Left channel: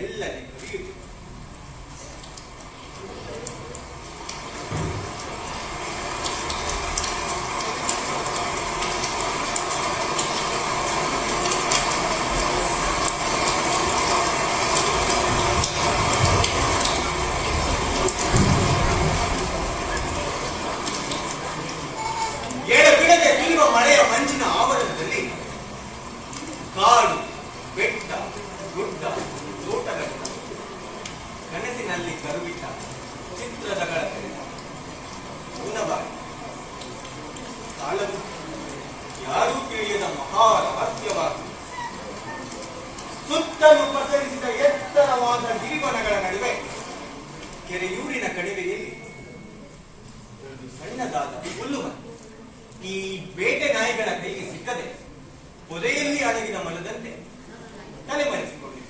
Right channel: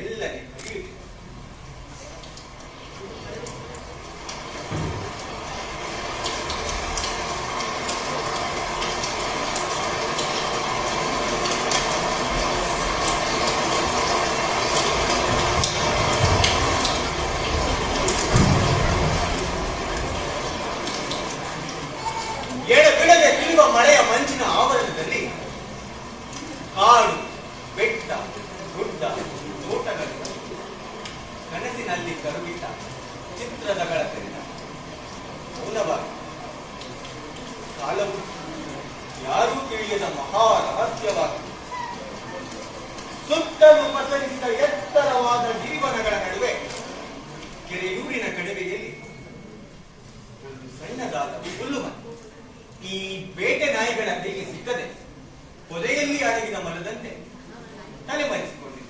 ಮೆಲ್ಲನೆ ಕರೆಯುತ್ತಿದ್ದ. ಎಡಬಿಡದೆ ಸುರಿಯುವ ಮಳೆಯ ಮಂಜಿನ ಆವರಣದಲ್ಲಿ ಕಾಡು, ಬೆಟ್ಟ, ಗುಡ್ಡ, ತೋಟಗಳಿಂದ ಕನಸಿನಲ್ಲಿ ಕರುಬಿಟ್ಟ ಚಿತ್ರದಗಳ ಕರೆದ ಮೌನವಾಗಿ ಕಾಲವು ಯಾರೂ ತಿಳಿಯದ ಮಹಾ ರಹಸ್ಯವಾಗಿ ಸುತ್ತಲೂ ಪಸರಿಸಿದ ಎತ್ತರವಾದ ಗಿರಿವನಗಳ ನಡುವೆ ಕೆರೆಯೂರಿನ ಕಣಿವೆಯಲ್ಲಿ ಒಂದು ಸಣ್ಣದಾದ ಹುಲ್ಲುಮನೆ ಈ ಬೇಟೆ ನಾಯಿಗಳ ಕೈಗೆ ಸಿಕ್ಕದೆ ಪೊದೆಯಲ್ಲಿ ಅಡಗಿದ ಮರದಂತೆ ತಲೆಮರೆಸಿಕೊಂಡಿತು.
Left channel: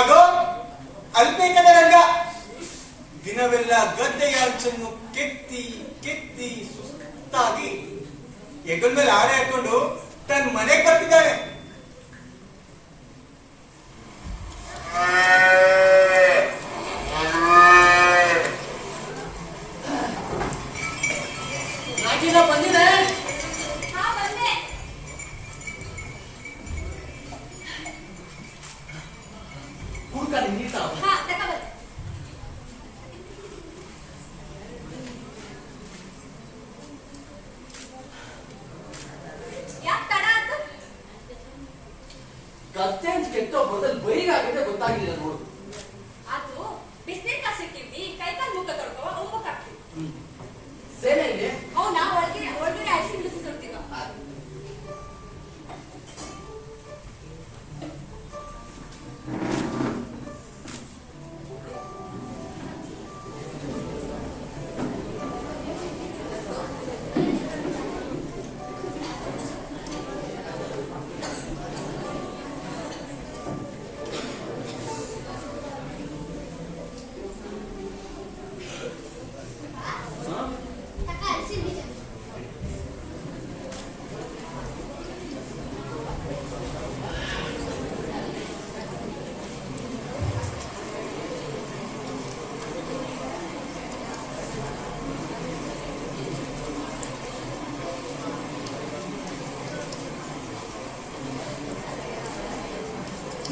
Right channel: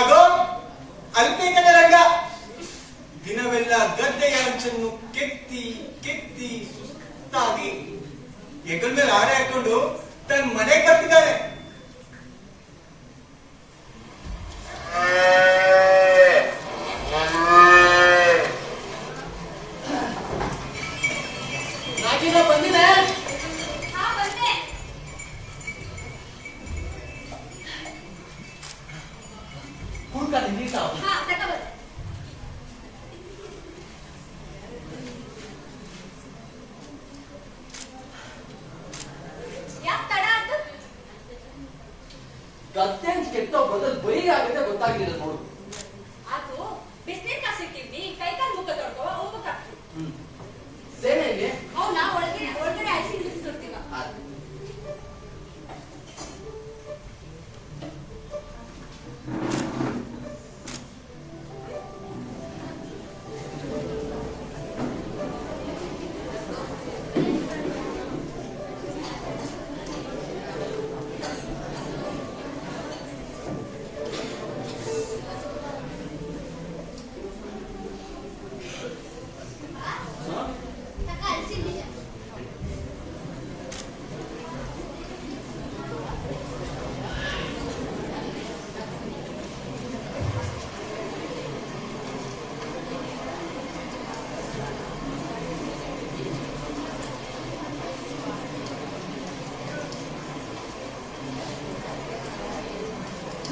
ಆಗೋ ಅಲ್ಪೇಕದ ರಂಗ ದಿನವೆಲ್ಲ ಗದ್ದೆಯ ಅಂಚನ್ನು ಕೆತ್ತಿ ಕೆತ್ತಿ ಸುಸ್ತಾಗಿ ಹೆಗಲ ಮೇಲೆ ಆರೆ ಹಾಕೊಂಡು ತನ್ನ ಮನೆಗೆ ಬರ್ತಿದ್ದಾನೆ. ಬಂದಿದೆ ಕೂಡ್ಕಾನೆ ನೀಟ ಗದ್ದೆ ಅಂತ ಕೆತ್ತೋ ಬದಲು ಬರೀ ಆಗಿದೆ ಗೊತ್ತಾಗಿಲ್ಲ ನೋಡು. ಅದು ಬಿಸಿನೀರ್ ಕಾಸಿಟ್ಟಿದ್ವಿ, ಕೈಕಾಲು ಮುಖ ತೊಳ್ಕೋ ಉಮ್ಮಕ್ ಹಾಕ್ತೀವಿ. ಸೇನೆ ಇದೆ ನಾ ಒಳಗಡೆ ಐಸಿ ಬಿಸಿ ಸುಡ್ತೀವ.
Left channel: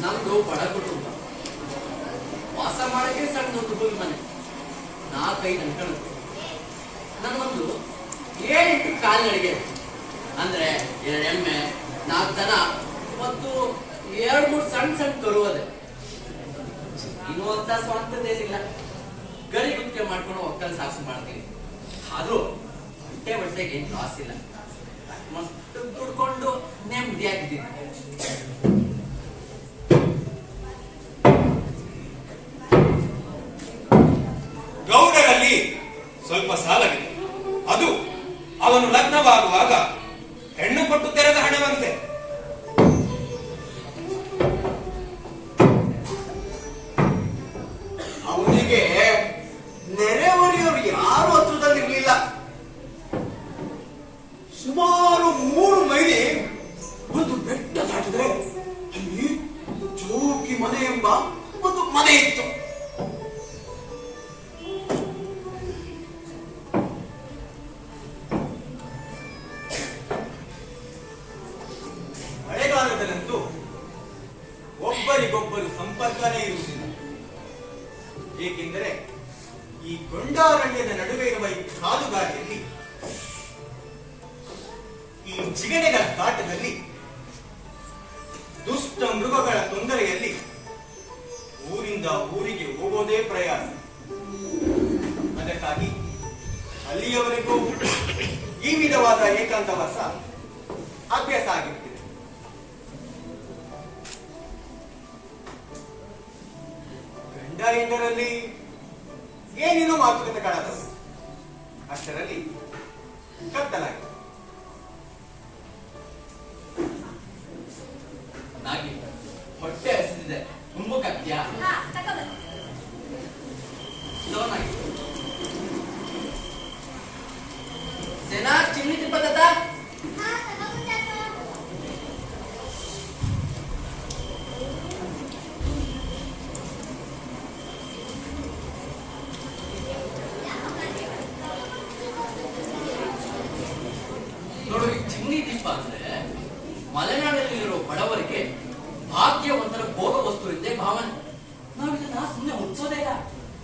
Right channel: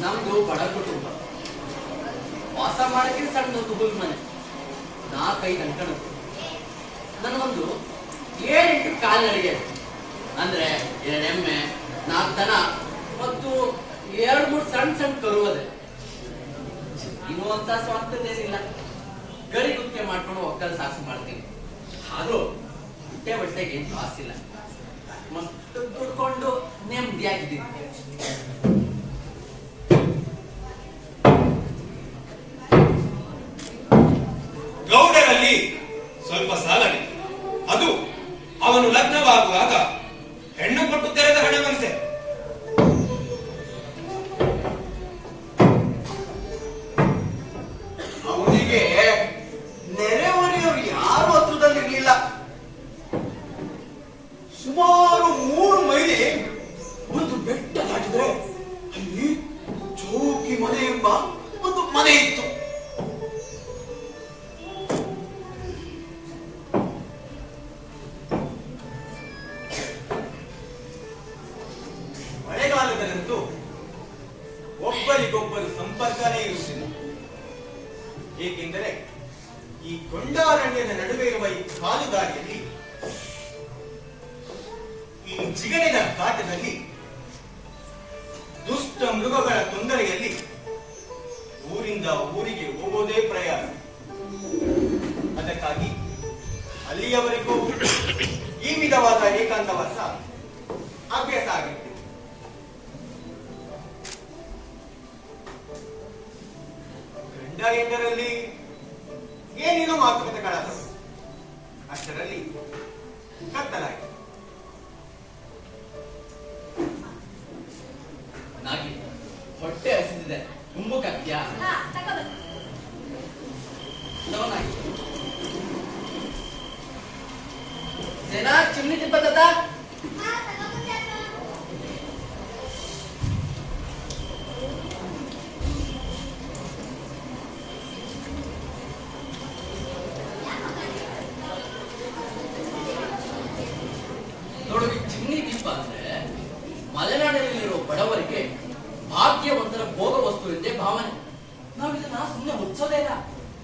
ನಮ್ದು ಬಡ ಕುಟುಂಬ, ವಾಸ ಮಾಡಕ್ಕೆ ಸಣ್ಣದೊಂದು ಹುಲ್ ಮನೆ, 4-5 ಅಂಕಣದ್ದು. ನನಗೊಂದು 7-8 ಕಾಲ್ನಡಿಗೆ ಅಂದ್ರೆ 2 ಎಮ್ಮೆ, 4 ದನ ಮತ್ತು 2-3 ಸಣ್ಣ ಕರುವದೆ. ಇನ್ನು ಅಂತ ಸ್ವಂತದೇನಿಲ್ಲ, ಗಳಿ ಗುತ್ತಿಗೆ ಮಾಡ್ಕೊಂಡು ಒಕ್ಕಲ್ ಸಾಕ್ಷಿ ಮಾಡ್ತೀನಿ. ಆದ್ರೂ ಹೊಟ್ಟೆಗೆ ಏನು ಕಾಸಿಲ್ಲ, ಮಸ್ತ್ ದುಡ್ಕೊಂಡು ನೆಮ್ಮದಿಯಾಗಿದ್ದೀನಿ. ಗೌಡರಲ್ಲಿ ಸ್ವಲ್ಪ ಸಾಲವಿದೆ. ಅದು ಅವನು ಲಗ್ನವಾಗುವಾಗ ಹೆಣ್ಣು ಕೊಟ್ಟು ತೆರೆದ ಹಣವಂತೆ. ಅವನಿಗೆ ನೆರೆಹೊರೆಯವರು ಯಾರು ಹತ್ರದಲ್ಲಿರ್ಲಿಲ್ಲ. ಸುಮಾರು 3 ಮೈಲಿ ಒಂದು ಬೆಟ್ಟ ದಾಟಿದ್ರೆ ಅಲ್ಲಿ ಜೋಕಿ ಮನೆ ಎಂಬ ಒಂದು ಮನೆ ಇತ್ತು. ಮಳೆಗಾಲದಲ್ಲಂತೂ ಒಬ್ಬರಿಗೊಬ್ಬರು ಸಂಪರ್ಕನೇ ಇರುವುದಿಲ್ಲ. ಏಕೆಂದರೆ ಈ ಗೊಂಡಾರಣ್ಯದ ನಡುವೆ ಇರುವ ಈ ಕಾಲುದಾರಿಯಲ್ಲಿ, ಈ ಜಿಗಣೆಗಳ ಕಾಟದಲ್ಲಿ, ದುಷ್ಟ ಮೃಗಗಳ ತೊಂದರೆಯಲ್ಲಿ ಊರಿಂದ ಊರಿಗೆ ಹೋಗೋದೇ ಪ್ರಯಾಸ. ಅದಕ್ಕಾಗಿ ಅಲ್ಲಿಯವರೆಗೂ ಈ ವಿಧವಾದ ಏಕಾಂತವಾಸ ಅಭ್ಯಾಸ ಆಗಿತ್ತು. ಗಂಡ ಹೆಂಡರಲ್ಲಿ ಏನೇನೋ ಮಾತುಕತೆಗಳಾದವು. ಅಷ್ಟರಲ್ಲಿ ಕತ್ತಲಾಯಿತು. ನಾಗಿ ಹೊಟ್ಟೆ ಹಸಿದಿದೆ, ಉಂಬುಕತ್ಯಾ? ನಾಗಿ ಸೇನಾ ಚಿಮ್ನಿ ತಿಪ್ಪತ್ತ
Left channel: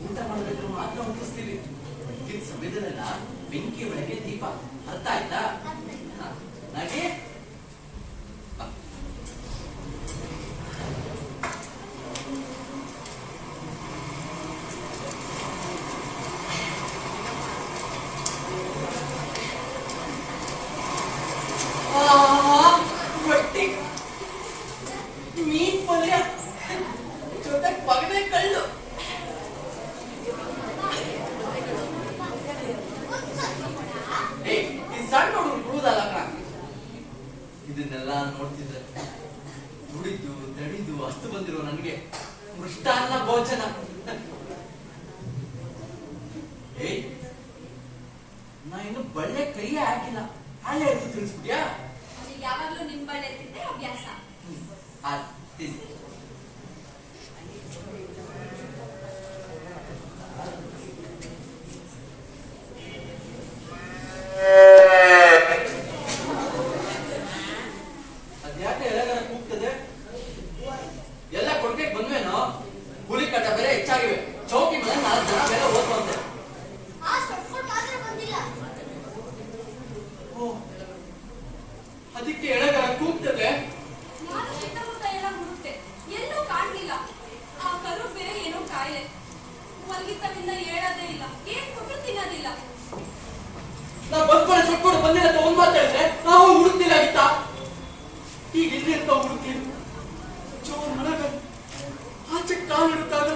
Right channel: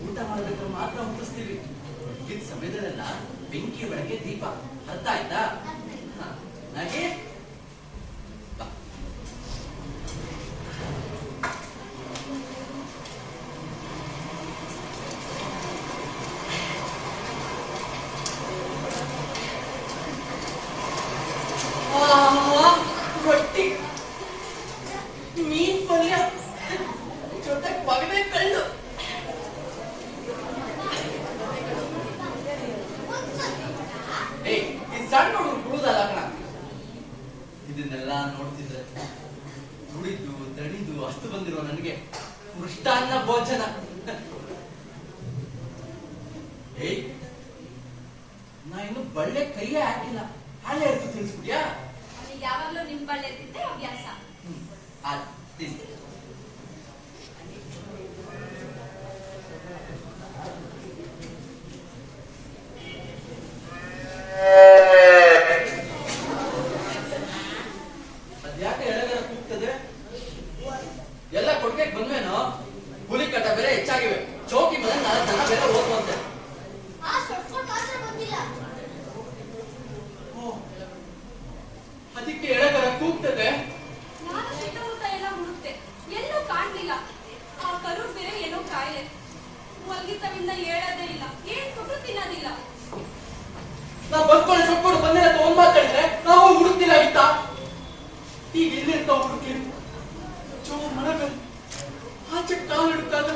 ಊಟ ಮಾಡಬೇಕಾದ್ರೆ ಮಾತ್ರ ಮುಟ್ಟಿಸ್ತೀವಿ. ಈ ಸಮಯದಲ್ಲೆಲ್ಲ ಬೆಂಕಿ ಒಳಗೆ ದೀಪ. ಅರ್ಥ ಆಯ್ತಾ? ನಾಗಿ ರೊಟ್ಟಿ, ಮೀನ್ ಪಲ್ಯ ಜೊತೆ ಪಗಡೆ ಕಳ್ಳು. ಈ ಸಣ್ಣ ಹುಡುಗರು ಬಿಡುದಲ್ಲ ಕಣ. ಇದನ್ನೆಲ್ಲ ನೋಡ್ತಿದ್ರೆ ದುಡಿದು ತಡಿದು ಅಷ್ಟು ಬಂದಿರೋ ನನಗೆ ಮೃಷ್ಟಾನ್ನ ಭೋಜನ. ನಾ ಇನ್ನು ಬಳ್ಳೆ ಕೈಯೇ ಹಾಕಿಲ್ಲ, ಹಾಳೆ ಎದ್ದು ತಿಳಿಸ್ಬಿಡ್ಯಾ? ನನಗೆ ಯಾವಾಗ್ಲೂ ನಿಮ್ ಬಳ್ಳಿ ಎತ್ತಿದ್ದೆ ಅಭ್ಯಾಸ. ಅದ್ಯಾಕೆ ಎಳೆಗಾರ ಕೂಗ್ತದೆ? ಎಲ್ಲ ಕೊಡ್ಕೆ ಬಂದ್ವೇನೋ? ಹುಲಿ ಕಟ ಬೇರೆ ಹೆಚ್ಚಾಗಿವೆ. ಚೌಕಿ ಮೇಲೆ 4 ಜನ ಬೇರೆ ಓದ್ವಂತೆ. ಅದಕ್ಕೆ ಎಳೆಗಾರ ಕೂಗ್ತದೆ. ನಾನು ಸುತ್ತಮುತ್ತ ಎಲ್ಲ ಹುಡುಕ್ತೆ, ಎಲ್ಲೂ ಕಾಣ್ಲಿಲ್ಲ. ಆ ಕರು ಬೇರೆ ಏನೋ ಕಾಯಿಲೆ, ಮಲ್ಗಿತವಿಂದ ಹೇಳೋದೇ ಇಲ್ಲ, ಏನ್ ಕೊಟ್ಟು ತಿನ್ನೋದಿಲ್ಲ. ನಾ ಬಂದ್ಕೊಳ್ಳೆ ಸೊಪ್ಪು ಬಂದಿಲ್ಲ ತಗೊಂಡ್ ಮಾತಾಡಿದ್ರೆ ನಾವು ಹುಡುಕ್ತಿಲ್ಲ ಆಗಿತ್ತ. ಈಗ ಇಲ್ಲಿ ಅಂತ ಹುಡುಕ್ತಿ ಜೋರ್ ಮನಗ ಆಚೆ ಕಾಲು ಹಿಡುತ್ತಾಗ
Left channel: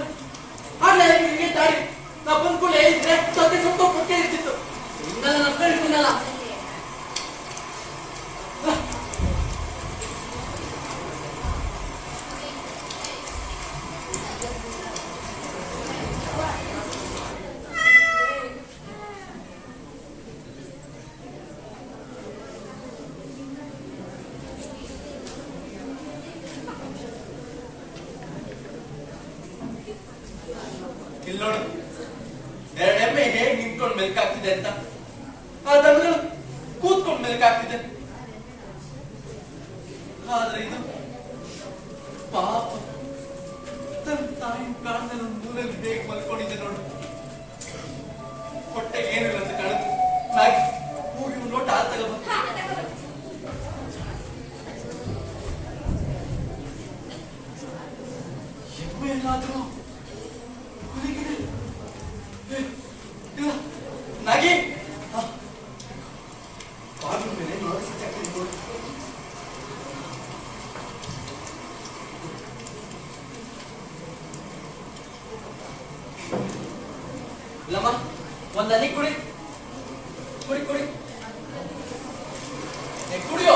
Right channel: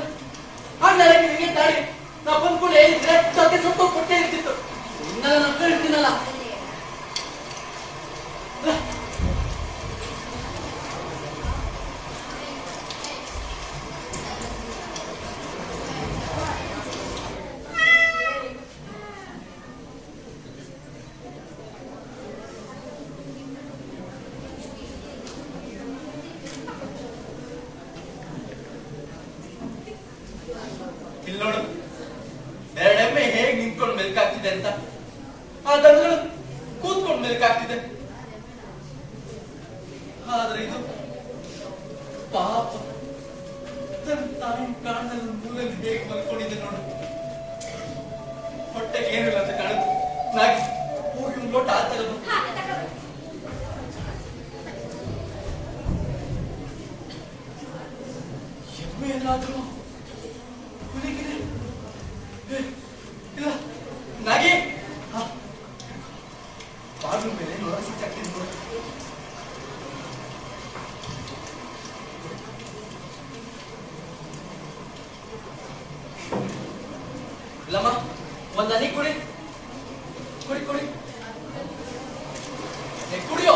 ಹಾಳೆ ನಿಮಗೆ ತಾಳಿ. ನಾ ಬಂದ್ಕೊಂಡು ಹೇಳಿದ್ರೆ ಸೊಪ್ಪೆ ಸೊಪ್ಪು ಕೊಟ್ಟೆ ಇರ್ತಿತ್ತು. ಇನ್ನೆಲ್ಲ ನಮ್ಗೆ ಇರ್ತೀನಲ್ಲ. ಇಲ್ಲಿ ನೋಡು, 2 ಎಮ್ಮೆ ಹೇಗೆ ನಿಂತ್ಕೊಂಡು ಮೆಲ್ಕಾಗ್ತಿದೆ ಅಂತ. ಅದಂದ್ರೆ ಕೂತ್ಕೊಂಡು ಮೆಲ್ಕಾಗ್ತಿದೆ. ಆದ್ರೆ ಇದು ಪಾಪ ತನ್ನ ತಾಯಿ ಕಾಣದಲ್ಲಿ ಮೂರಲ್ಲಿ ಬೇಗ ಮಲ್ಕೊಂಡಿದ್ದೆ ನೋಡು. ಹೊಟ್ಟೆಗೆ ಏನಿಲ್ಲ ಅಂತ ಕಾಣುತ್ತೆ. ನಾಗಿ ಹೋಗಿ ಒಂದು ಲೋಟ ಹಾಲು ತಗೊಂಡು ಎಮ್ಮೆ ಎಲ್ಲಾದ್ರೂ ಇಲ್ಲ ನಾಗಿ ಬಾಗಿಲು ಮೇಲೆ ನೋಡ್ತಿದ್ದು. ಇಲ್ಲಮ್ಮ, ಒಂದ್ ಹನಿ ಕುಡಿ ಕುಡಿ ಕುಡಿ ಕುಡಿಯೋ.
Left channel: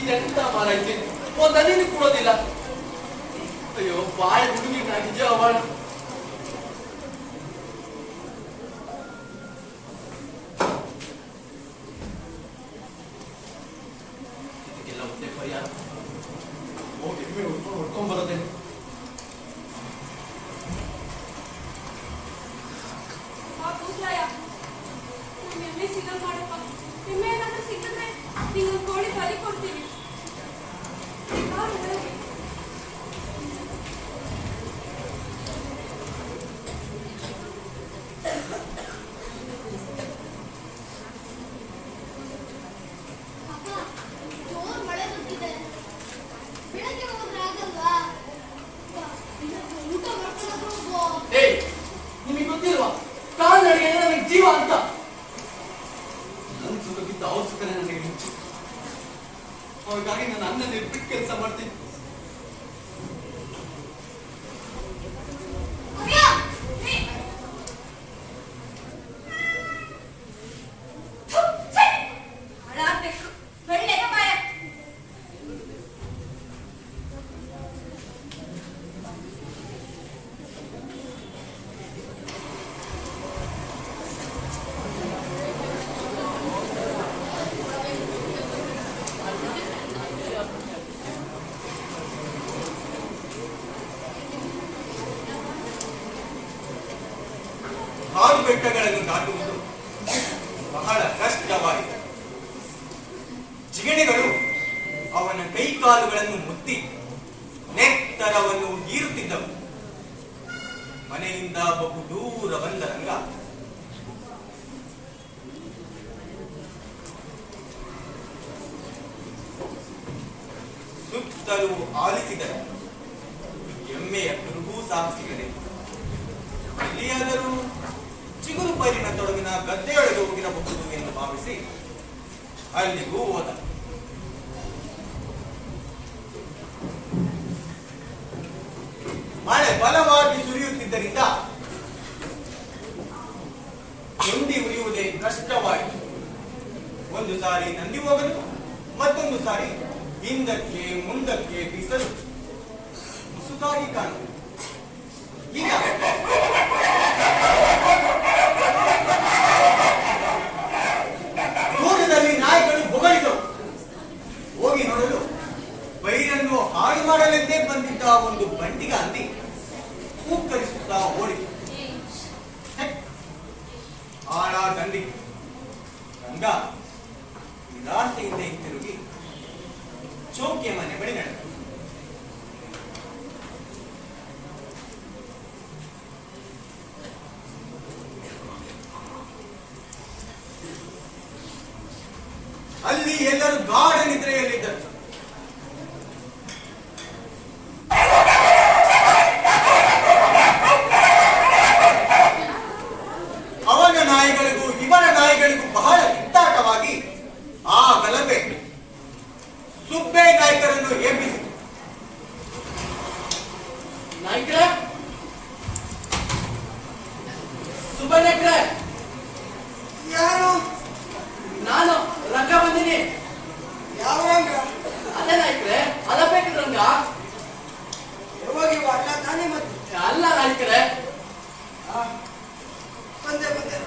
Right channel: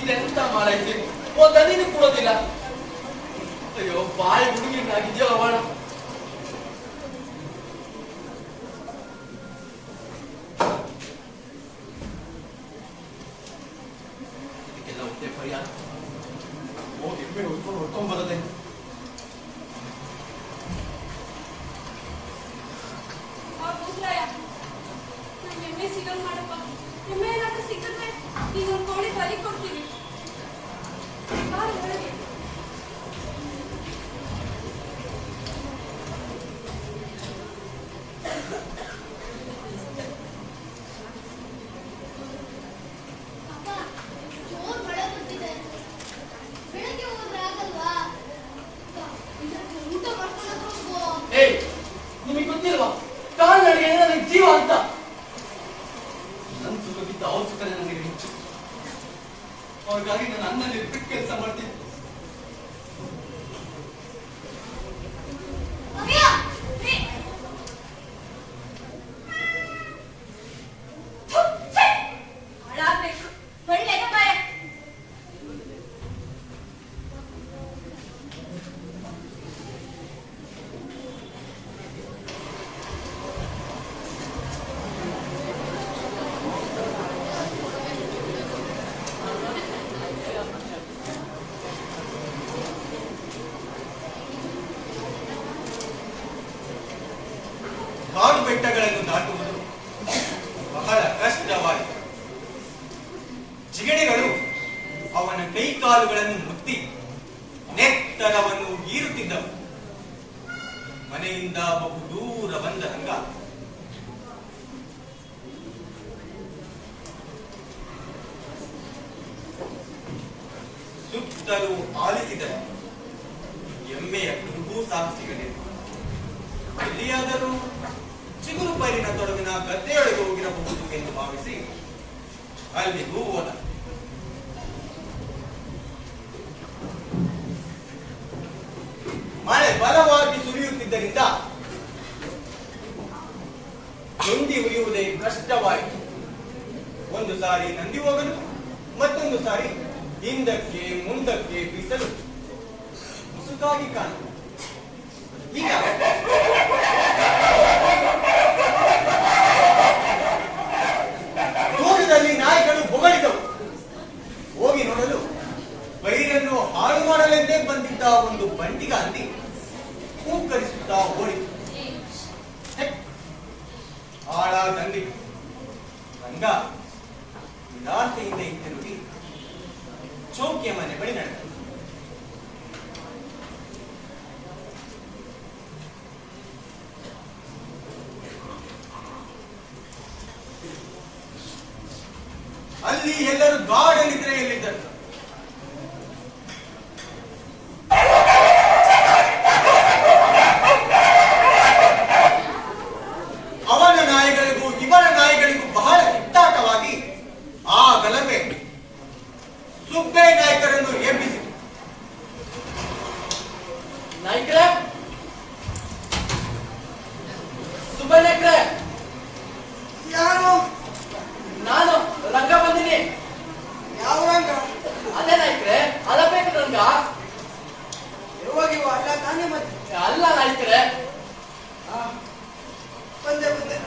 ಇದೆಂತ ಮಾಡೈತಿ, ಒಂದ್ ಹನಿನೂ ಕೊಡೋದಿಲ್ಲ. ಅಯ್ಯೋ ಬಾಯಿ ಹುಡುಗಿನಾಗಿದ್ಯೋ ಅವಳ. ಇದಕ್ಕೆಲ್ಲ ಹೊಟ್ಟೆ ಪರಿಹಾರ ಹೋಗಿ ಹೊಡ್ಕೊಂಡ್ ಬರೋದೇನು? ಎಮ್ಮೆ ಸಿಗಲ್ ಮಾಡಪ್ಪ. ಎಮ್ಮೆ ಏನಾದ್ರೂ ಸಿಕ್ಕಿದ್ರೆ ನೀವು ಒಂದು ಕೋಳಿ ಬಲಿ ಕೊಡ್ತೀವಿ. ನಿಮಗೆ ಗೊತ್ತಿಲ್ವಾ ಕಾಲ್ನಡಿಗೆ ನನಗೆ ಜೀವ ಅಂತ? ನನ್ನ ಸುಖಕ್ಕಿಂತ ಅವ್ರ ಸುಖನೇ ನನಗೆ ಹೆಚ್ಚು. ಅವ್ರಿಗಾಗಿ ನಾನು ಅನ್ನಲ್ಲಿ ಬಿಟ್ಟು ಕೆಲಸ ಮಾಡ್ತೀನಿ. ಕಾಡು ಬೆಟ್ಟಗಳನ್ನು ದಾಟುವುದು ಬಹಳ ಕಷ್ಟವಾಯಿತು. ಜಿಗಣೆಗಳು ಅವನ ಕೈಕಾಲುಗಳನ್ನು ಮುತ್ತಿ ನೆತ್ತರವನ್ನು ಹೀರುತ್ತಿದ್ದವು. ಮನೆಯಿಂದ ಬಹುದೂರ ಬಂದ ರಂಗ ಸುತ್ತಲೂ ಆಲಿಸಿದರು. ಎಮ್ಮೆಯ ಕುರುಹೂ ಸಾಹಸಿಗಲೇ. ಎಲ್ಲಿಯಾದರೂ ಚಿಗುರು ಪೈರಿನ ತೊಡಗಿನ ಗದ್ದೆಯೊಳಗೆ ಹೋಗಿರಬಹುದು ಎಂದು ಭಾವಿಸಿ ಅಲ್ಲಿಗೂ ಹೋದ. ಮಳೆ ಬಲವಾಗಿ ಸುರಿಯುತ್ತಿದ್ದರಿಂದ ಗುಂಡಿ ಉರಿಯುವುದೇ ಕಷ್ಟವಾಯಿತು. ಒಂದು ಸಾರಿ ನಂದಿ ಹೋಗಲು, ಮತ್ತೊಂದು ಸಾರಿ ಹಿಂದಕ್ಕೆ ಮುಂದಕ್ಕೆ ಬೀಸಲು ಮುಸುಕಾಗಿ ಕಾಣುವುದು. ಈಗ ದೂರದಲ್ಲಿ ನಾಯಿಗಳು ಬೊಗಳಿದವು. ಹೋಗಿ ನೋಡಲು ಪೈರನ್ನು ಹಾಳು ಮಾಡಲೆಂದೇ ಬಂದಿದ್ದ ಒಂದು ಬಂಡಿಗ ಹಂದಿ ಕೂಕ್ಕರಿಸುತ್ತಾ ಓಡಿತು. ಆಳ ತಂದಿ ರಂಗ ನಿರಾಸೆಯಿಂದ ಹಿಂತಿರುಗಿ ಚೌಕಿಯ ಮನೆ ಬಳಿ ನಡೆದರು. ಅಲ್ಲಿ ಎಲ್ಲರೂ ಗಾಢ ನಿದ್ರೆಯಲ್ಲಿದ್ದರು. ಅವನ ನಾಯಿಗಳಿಗೂ ಇವನ ನಾಯಿಗಳಿಗೂ ಬಹಳ ಕಿತ್ತಾಟವಾಗಿ ಆ ಗಲಭೆ ಸುಬ್ಬೆ ನಾಯಕರನ್ನು ಎಬ್ಬಿಸಿತು. ನಾಯ್ಕರೇ, ಸುಬ್ಬಯ್ಯ ನಾಯ್ಕರೇ, ಯಾರು? ನಾನು ರಂಗ ಬಂದಿನಿ. ಯಾವ ರಂಗ? ಅದೇ ನಾಯ್ಕರೇ, ಅಲಬೇಕು ರಂಗ. ಯಾವಾಗಿವ ಅಲ್ಲ ತಾನೇ ಮತ್ತೆ? ಅಲ್ಲ ನಾಯ್ಕರೇ, ಬಂದೆ ಬಂದೆ.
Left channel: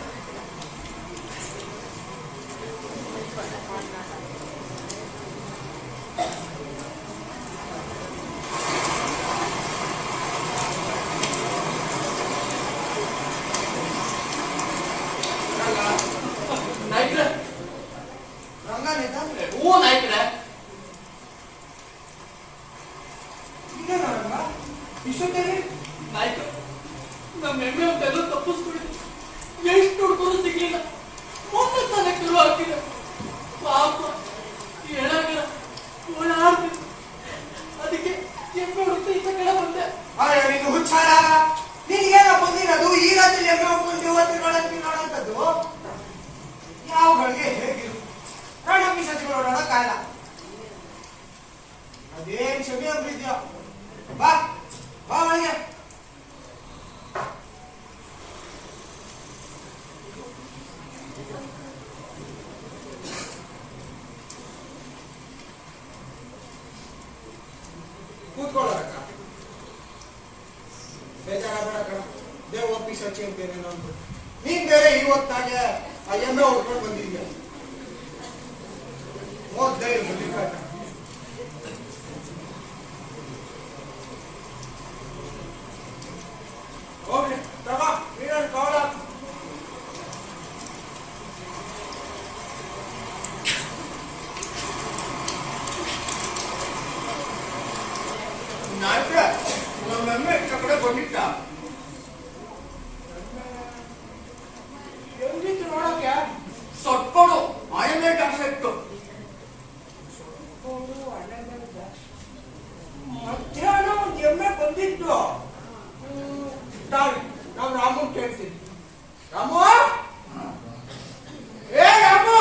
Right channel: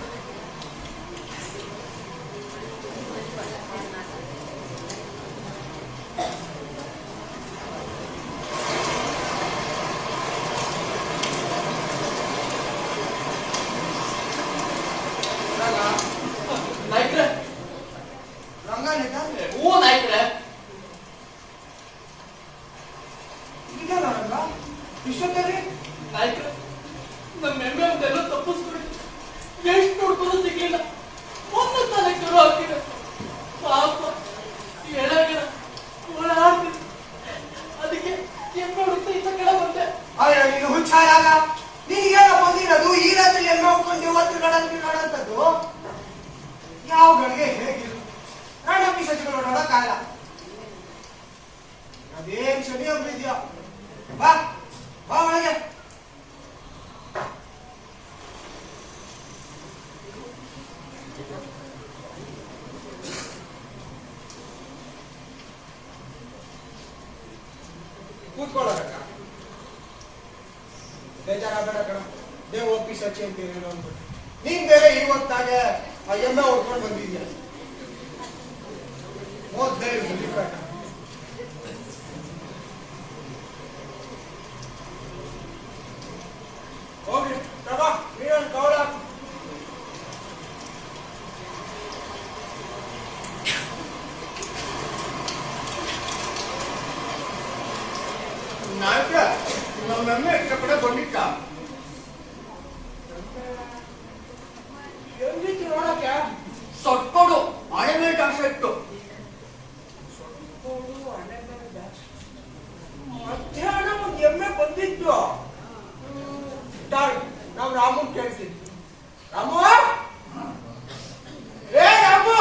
ನಾಯ್ಕರೇ, ರಂಗನೇ ತಾನೆ? ಹೂ ನಾಯ್ಕರೇ. ಇದೇನ ರಂಗ? ಇಷ್ಟೊತ್ತಲ್ಲಿ? ನಾಯ್ಕರೇ, ನಮ್ಮ ಎಮ್ಮೆ ಒಂದೆಲ್ಲ ತಪ್ಪಿಸ್ಬಿಡಿ. ಎಷ್ಟು ಹುಡುಕರು ಸಿಗ್ಲಿಲ್ಲ. ಒಂದು ತಾನೇ ಕರು ಹಾಕಿದೆ. ಪಾಪ ಏನಾಗಿಲ್ಲ, ಓಡಾಡ್ತೀನಿ. ಅದಕ್ಕೆ ಎಮ್ಮೆ ಹುಡುಕ್ತಾ ಇದ್ದ ಕಡೆ ಬಂದೆ. ಅಯ್ಯೋ ನೀನು ಹುಚ್ಚಾರಾಗ. ನೀನೇನ ಬಂದಿರೋದು ಈ ರಾತ್ರಿ ಎಮ್ಮೆ ಹೋಗ್ಕೊಂಡು ಇವತ್ತು ನೋಡಂತದ್ದು? ಯಾವ ಗಳಿಗೆ ಹೇಗಿರು ರಣ ಪಿಶಾಚಿಗಳು ನೋಡಕ್ಕಾಗಲ್ಲ. ಅದೇನ್ ಸರಿ ಒಬ್ಬಿದ್ಯೋ. ಬಾ ಬಾ ಒಳಗೆ. ಕೂತ್ಕೊಳ್ಳೋದಕ್ಕ ಬೇಜಾರಾಗಬೇಡ ಕಣ. ದೇವ್ ಒಪ್ಪಿಸಿ ಹಚ್ಚಿ ಅಂತೀರೇನೋ ಅಂತ. ನೀನ್ ಬೇರೆ ಇವತ್ತಾಗೆ ಆ ಎಮ್ಮೆ ಹೊಡ್ಕೊಂಡು ಬಂದಿದ್ಯಾ. ಓದ್ದೇ ಬಂದಿರ್ಬೇಕ. ಹೋಗ್ಲಿ ತಗೋ, ನೀನೊಂದು ಕವರ್ ಹಾಕು. ನಾಲ್ಕ ನಮ್ಮನ್ನೇ ಇಷ್ಟ ಕಡೆ ಬಂದಿಟ್ಟ. ಎಲ್ಲಿತ್ತು ನೋಡಕ್ಕೆ? ಸೊಟ್ಕೊಡು. ಆಯನೇ ಕಾಸು ಇತ್ತು. ಮಧ್ಯಾಹ್ನ ಒಂದು ಎಮ್ಮೆ ಬಂದಿತ್ತು. ನಾವು ರಾಮನ್ ಕೇಳ್ತೀವಿ. ರಾಮು, ಏ ರಾಮು,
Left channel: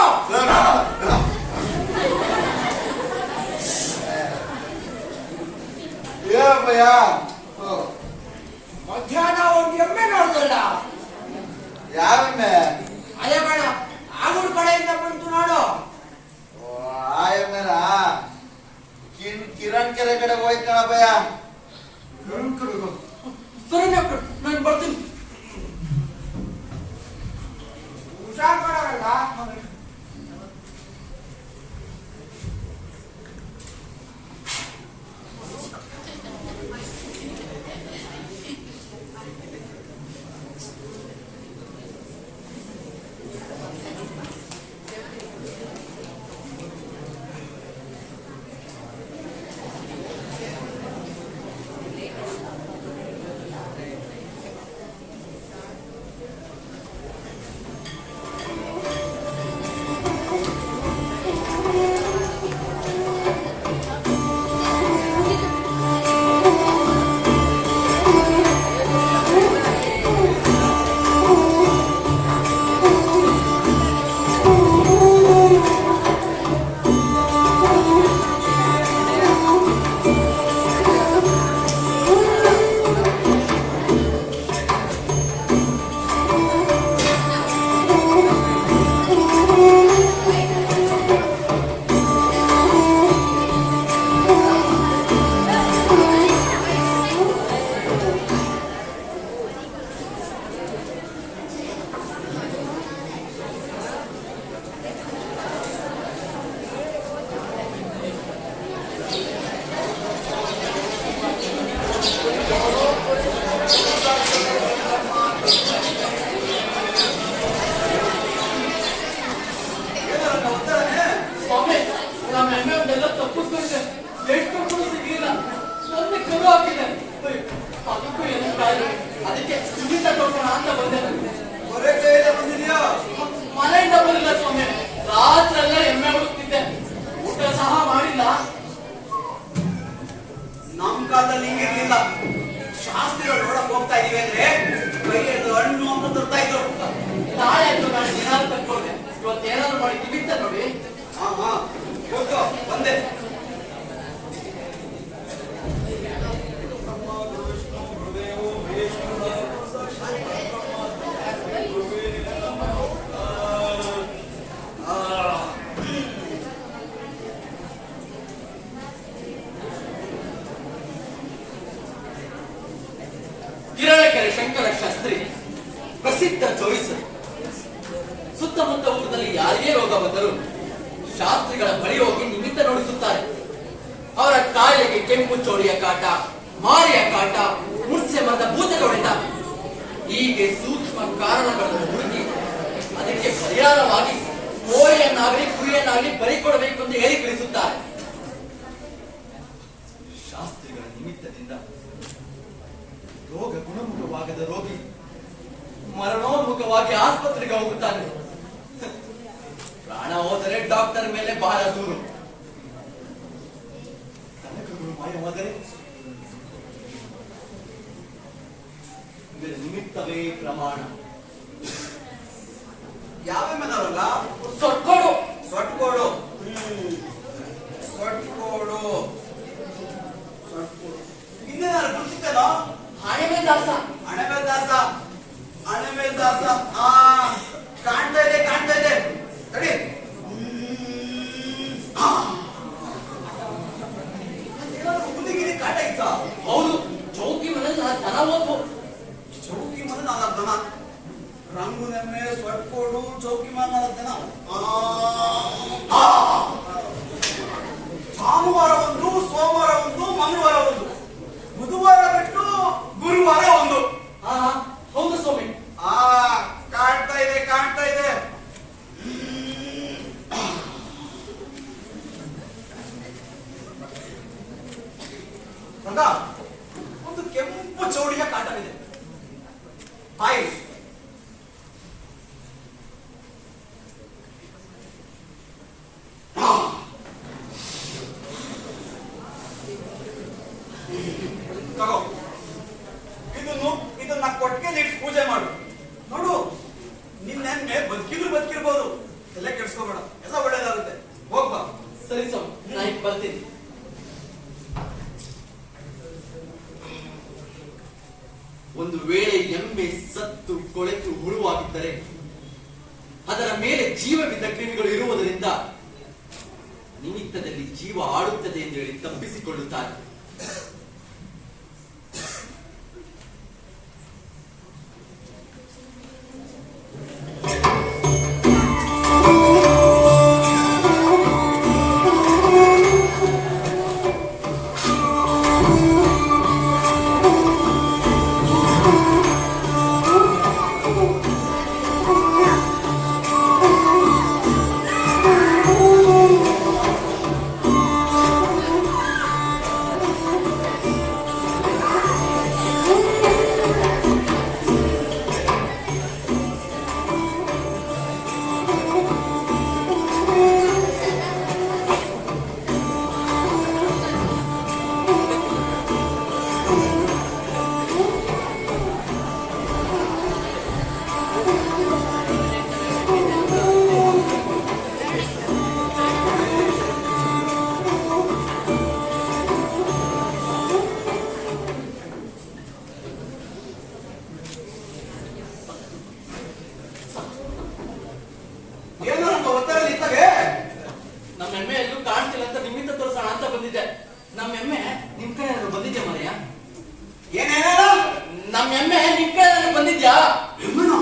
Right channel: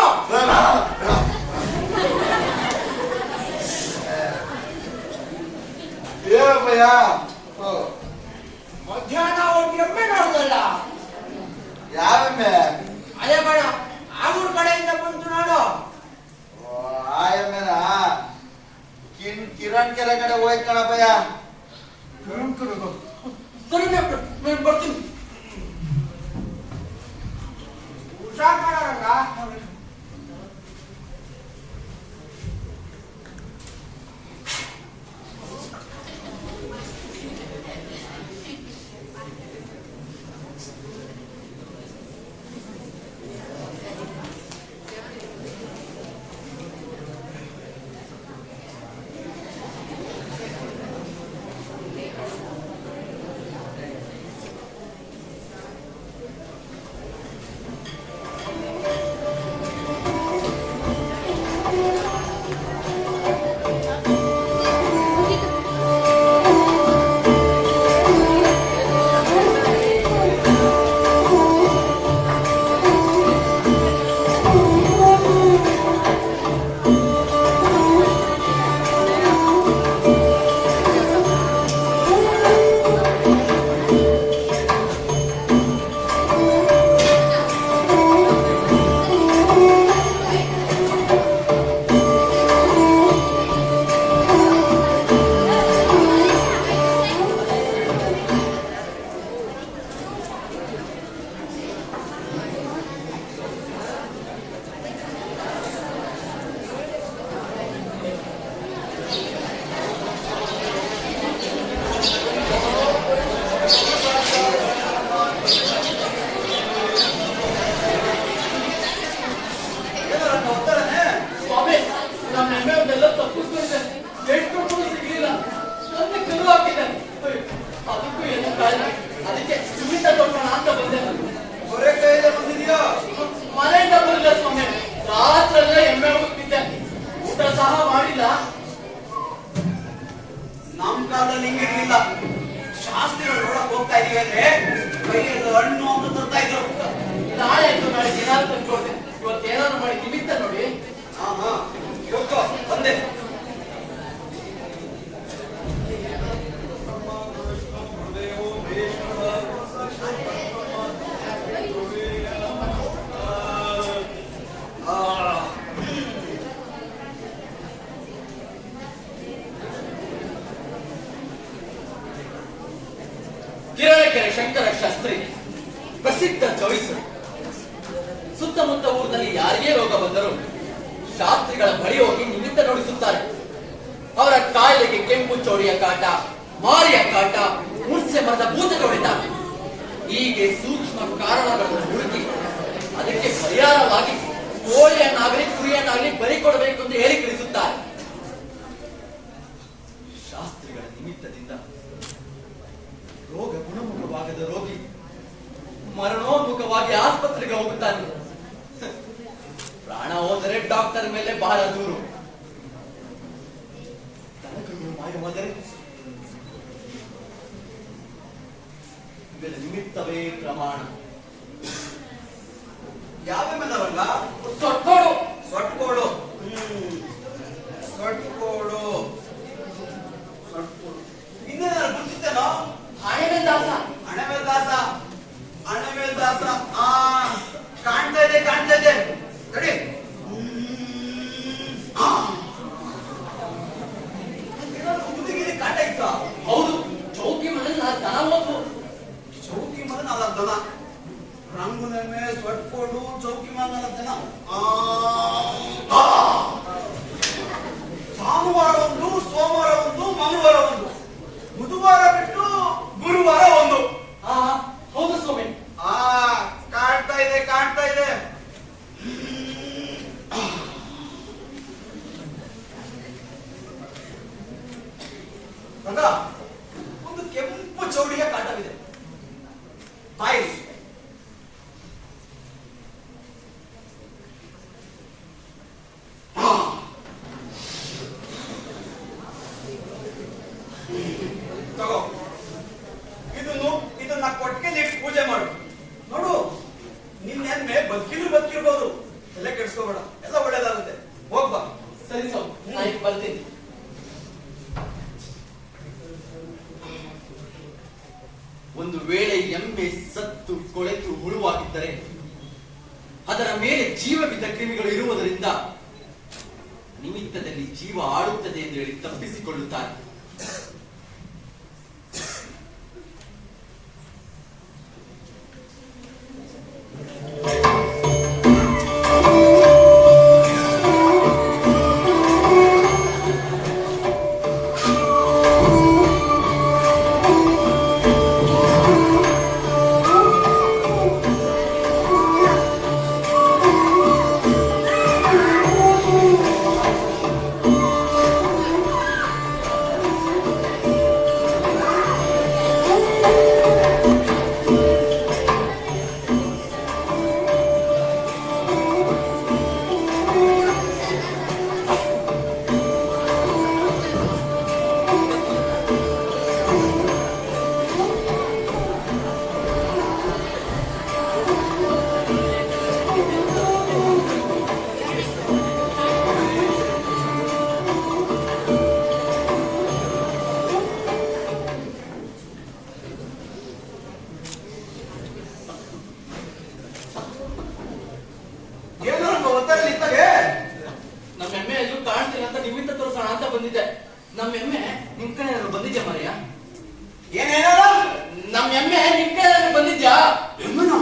ಏನಪ್ಪಯ್ಯ? ಮಧ್ಯಾಹ್ನ ಒಂದು ಎಮ್ಮೆ ನೋಡ್ದಲ್ಲ. ಯಾವೆಮ್ಮೆ? ಅಯ್ಯ ಬೇಡ, ಆಗೂರು ಕಡೆಯಿಂದ ಬಂತು ನೋಡು. ಆಯಮ್ಮೆನ ಕಿರಣ್ ಕೆರೆ ಕಡೆ ಹೋಯ್ತು ಕಣಪ್ಪಯ್ಯ. ಸರಿ ಡಾಕ್ಟರ್, ನಾನು ಬರ್ತೀನಿ. ಹುಷಾರ್ ಮಾಡೋರಲ್ಲ. ಕಾಲದಲ್ಲಿ ಹಿಂಗಿರ್ಲಿಲ್ಲ. ಶಾಸ್ತ್ರಿಗಳು ನೋಡಕ್ ಹೋಗ್ತಾ ಇದೀವಿ ಅಂದ್ರೆ ಕೈಯಲ್ಲಿ ಹಣ್ಣು ಅಂತ ತರ್ತಾ ಇದ್ರು. ನಾಳೆ ಆಯ್ತು ನಾಳೆ ಏನಾದ್ರು ತಂದ್ಕೊಡ್ತೆ. ಇವತ್ತೇನಾದ್ರು ಮಾಡಿ ನಿಮಿತ್ತ ನೋಡಿ. ಹಾ ಹೋಗ್ತೋ ಬಂದೆ. ಕಿರಣಕೆರೆ ಶಂಕರ ಶಾಸ್ತ್ರಿ ಪ್ರಸಿದ್ಧ ಚಾಯ್ಸ್. ಸುತ್ತಮುತ್ತ ಊರಿನಲ್ಲಿ ಯಾರಿಗೇ ರೋಗ ಬಂದರೂ ಶಾಸ್ತ್ರಿಗಳ ಬಳಿ ಹೋಗಿ ನಿಮಿತ್ತ ನೋಡಿಸುತ್ತಾರೆ. ಅವರ ಕಾಯಿಲೆಗೆ ಕೆಂಪು ಚೋಳಿಯ ಕಾಟ, ಮಾರಿಯ ಕಾಟ, ಮುರ್ಸೆ ಮರದ ಭೂತದ ಹೊಡೆತ, ಹೀಗೆ ಸೂಕ್ಷ್ಮ ಕಾರಣಗಳನ್ನು ಹುಡುಕಿ ಅದಕ್ಕೆ ಪರಿಹಾರವಾಗಿ ಕೋಳಿಯನ್ನಾಗಲಿ ಕುರಿಯನ್ನಾಗಲಿ ಬಲಿ ಕೊಡಬೇಕು ಎಂದು ಹೇಳಿ ಕಳಿಸುತ್ತಾರೆ. ಶಾಸ್ತ್ರಿಗಳ ನಿಮಿತ್ತದಿಂದ ರೋಗ ಗುಣಮುಖವಾಗದ ರೋಗಿ ಮರಣೋನ್ಮುಖವಾಗಿ ಆಸ್ಪತ್ರೆಗೆ ಹೋಗುತ್ತಾನೆ. ಪ್ರಾಣ ಹೋದರೆ ಡಾಕ್ಟರ್ ಮೇಲೆ ಬಹಳ ದೂರು. ಕನಕಗಳು ಮಾಯವಾದರೆ ಇದರ ನಿಮಿತ್ತವೇ ಪ್ರಮಾಣ. ಯಾವ ಮೇಲವಲ್ಲ ಸೊಟ್ಕೊಡು. ಸೊಟ್ಕೋಡು ಸೊಟ್ಕೋಡು ಸೊಟ್ಕೋಡು ಹಿಂದೆ ನಾನು ಗುರ್ತಿದ್ದೇನೋ. ಹಣೆ ದಾಸ. ಅಣೆಮೇಲ್ ದಾಸ ಅಣೆಮೇಲ್ ದಾಸ. ಕಾಣ್ತಾ ಇದೆ ಕಾಣ್ತಾ ಇದೆ ತಡಿ. ಹುಡುಗಿರಿ ಕಾಟ ಇತ್ತ. ಹೌದು, ಚೌಕಿ ಮನೆಯಲ್ಲಿ ನನ್ನ ದನ ಹೋಗು. ಚೌಕಿ ಮನೆ 4 ಜನ, ರಂಗುನೆಮ್ಮೆ ಸೊಟ್ಕೋಡು ಚೌಕಿ ಮನೆ 4 ಜನ. ಭಾನುವಾರ ಒಂದು, ಸೋಮವಾರ ಒಂದು, ಮಂಗಳವಾರ ಒಂದು, ಬುಧವಾರ ಬಿಟ್ಟು ಗುರುವಾರ ಒಂದು. ಹೌದು ಸ್ವಾಮಿ. ಕಾಣ್ತಾ ಇದೆ ಕಾಣ್ತಾ ಇದೆ. ಒಂದು ಕೆಂಪು ಚೌಡಿಯ ಕಾಟವಿದೆ. ಬಾಯಿ ತಗೋ. ಇದನ್ನ ಕೊಟ್ಟಿಗೆ ಇಟ್ಟು ಪೂಜೆ ಮಾಡು. ನೋಡು, ನಿನ್ನೆ ಬದುಕಿರ್ಬೋದು. ಎಲ್ಲ ಕೆಡ್ಸ್ಕೋಬೇಡ, ಎಲ್ಲ ಒಳ್ಳೇದಾಗುತ್ತೆ. ಹೋಗ್ಬಾ. ಸರಿ ಸ್ವಾಮಿ, ನಾ ಈಗ ಬರ್ತೀನಿ. ಒಂದು ವೇಳೆ ಎಮ್ಮೆ ಸತ್ತು ಕೊಳೆತು ಹುಳುವಾಗಿದ್ದರೆ ಅದರ ಮೇಲೆ ಜೀವವಿದ್ದ ಕ್ರಿಮಿಗಳು ಇರುವುದರಿಂದ ನಿಮಿತ್ತದಲ್ಲಿ ಜೀವ ಆಡುತ್ತದೆ ಎಂದು ಹೇಳಿ ತಪ್ಪಿಸಿಕೊಳ್ಳುತ್ತಾರೆ. ನಮ್ಮ ಎಮ್ಮೆ ಎಲ್ಲೂ ಕಾಣ್ತಿಲ್ಲ ಅಂತ ನಿಮಿತ್ತ ತೋರಿಸೋಣ ಅಂತ ಬಂದಿದ್ದೆ. ನಮ್ಮ ಎಮ್ಮೆ ನಿಮ್ ಕಡೆ ಏನಾದ್ರು ಬಂದಿದ್ಯಾ ಮರೆಯ? ಏನೇನ ನಮ್ಮ ಎಮ್ಮೆ ನಿಮ್ ಕಡೆ ಏನಾದ್ರು ಬಂದಿದ್ಯಾ? ಎಮ್ಮನ